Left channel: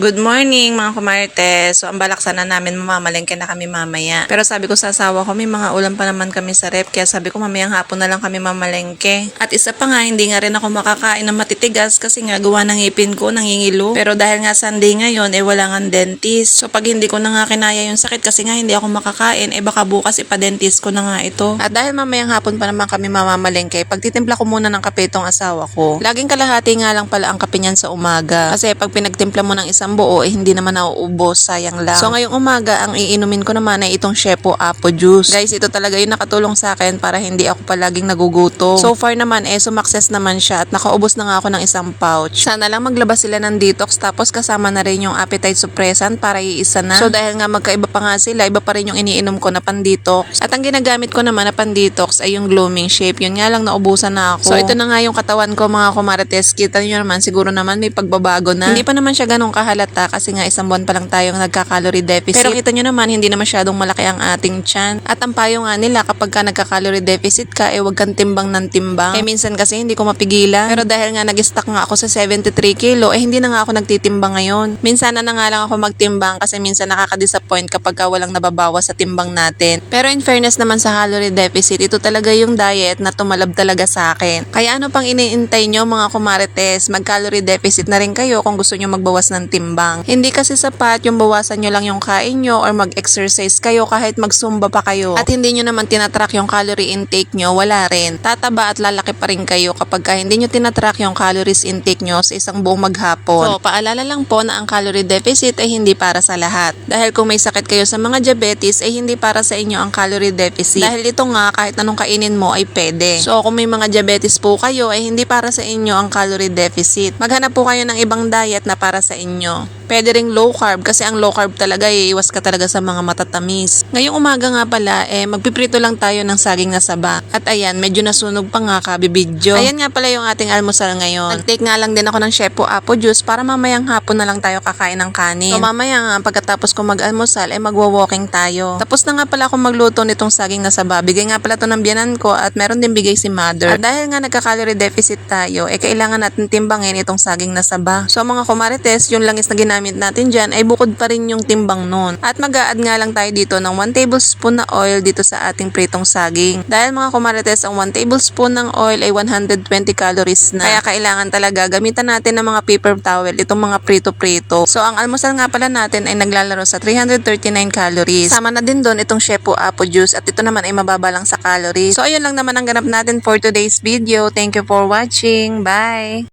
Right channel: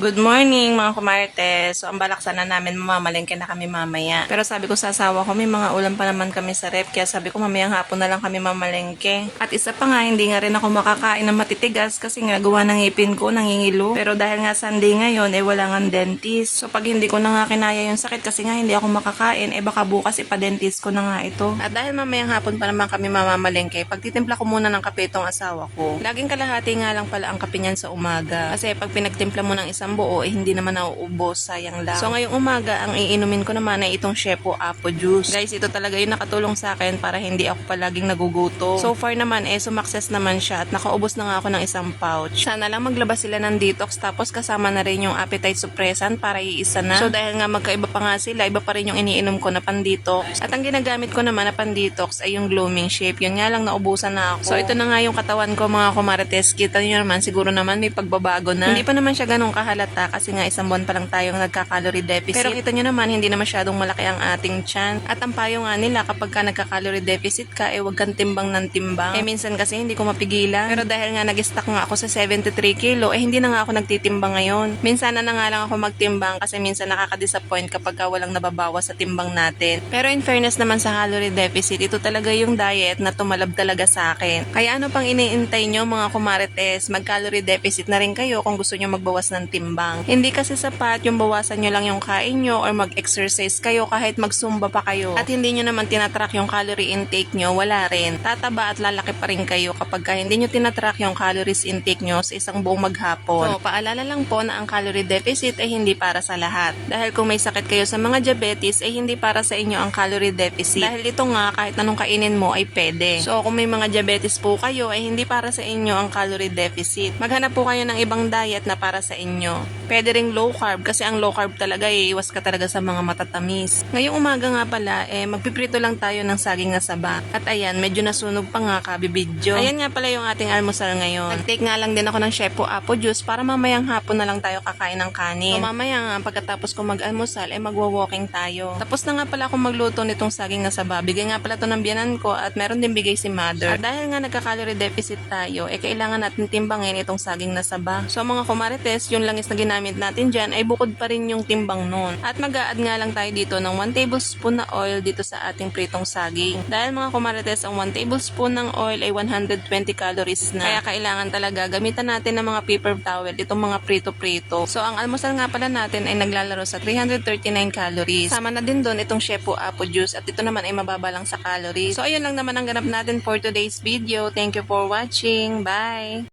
Good morning mga kumarites. So ang balak sana namin mamamalengke na kami mamaya. Pero sabi ko sa asawa ko may mga ulam pa naman kami sa rep. Kaya sabi ko mamayang hapon na lang kami mamalengke. At isa pa nga hindi nga rin ako makakain ng matitigas kasi nga gawa ng ngipin ko nangingilo. Pero dahil nga Sunday ngayon wala nga dentist. So pag hindi ko na nga kinaya yung sakit kasi nga hindi ako makakain baka bukas ipa-dentist ko na nga ito. At dahil mamayang hapon pa naman kami mamamalengke, pagtitimpla ko muna ng kape itong asawa ko. Laging kalahati nga lang pala ang kape niyan sa umaga. Kasi pag pinagtimpla mo ng isang buo hindi naman nauubos, sayang lang. So ngayong umaga ang iinumin ko naman ay itong Shepo Apple Juice. Guys, ito talaga yung nakatulong sa akin para hindi ako palaging nagugutom. So far naman sumakses naman siya at nakaubos na nga ako ng isang pouch. Sana lang maglabas sila ng detox tapos kasama na rin yung appetite suppressant para iisa na. So dahil nga magkaiba pa nga sila, iba pa rin yung iniinom ko na pan-detox. At ang ginagamit ko naman na pan-detox ay yung Gloaming Shape. Yun nga lang naubusan na ako. So ito na nga yung katawan ko mga kumarites. Kita nyo naman siguro naman may pagbabago na. Hindi pa naman siya ganun kahalata kasi nga isang buwan pa lang tayong nagka-calorie deficit. Pero kita nyo naman hindi na masyadong malaki ang ating tiyan. At ang payo nga nila kapag ka nagka-calorie deficit ka wag kang timbang ng timbang. Minsan kasi hindi ko mapigilan. Pero dahil nga nag-stuck nga ako sa 73 kilo hindi na nga ako nagtitimbang ngayon. Minsan na nga lang ako magtimbang kasi minsan nakaka-disappoint kapag ka walang nababawas sa timbang natin. Pero in fairness naman sa calorie deficit, ito talaga yung diet na tumalab talaga sa akin. Kaya ano pang iniintay nyo mga kumarites, mag-calorie deficit na rin kayo kung gusto nyo magbawas ng timbang. Hindi kasi sapat yung bawasan nyo lang yung kain nyo or mag-exercise kayo kahit mag-zumba pa kayo. At hindi nyo naman tinatrack yung calorie intake nyo, wala rin. Tataba at lalaki pa rin kayo kapag hindi nyo tinatrack yung calories intake nyo sa isang buong maghapon. So, paalala lang po na ang calorie deficit ay hindi para sa lahat. Dahil kung may sakit kayo sa mga diabetes ay hindi para sa inyo ang calorie deficit. Dahil ito nga kahit anong kainin mo ay pwede. So, kung may mga diabetes po kayo ay hindi para sa inyo ang calorie deficit. Maghanap po kayo ng ibang diet na para sa inyo. Pwede ring low carb kasi ang low carb talaga iwas ka talaga sa mga matatamis. Ngayong umaga nga pala magpiprito lang tayo ng saging na saba. At ayan, medyo nasunog pa nga kabibidyo. Ayan nga pala yung ating almusal ngayon. Nag-take nga lang din ako ng Shepo Apple Juice para mamayang hapon na lang tayo kakain ng kanin. So mamaya nga pagkatapos ko mag-almusal magwa-walking tayo. Tapos na nga pala ako magluto nitong saging na saba. Bigay nga pala to ng biyanan ko at meron din bigay si mother. At dahil nga nagka-calorie deficit tayo kailangan natin timbangin itong saging na saba. So mga kumarites, yung langis na ginamit natin dyan ay bukod pa rin yung timbang nun. At mag-a-add nga lang tayo dito ng 1 tablespoon na oil dito sa ating pritong saging. Dahil mga kumarites, ang 1 tablespoon ng oil ay 120 calories na. Kaya kailangan talaga gamitan natin ng mga paper towel itong mga prito-prito. So ang almusal nga pala natin ay naglalaro sa 339 calories. Sama na din doon itong Shepo Apple Juice at ito naman ay mababa lang sa calories. So ayun lang naman ang ganap natin for today's video. Thank you for watching. Bye!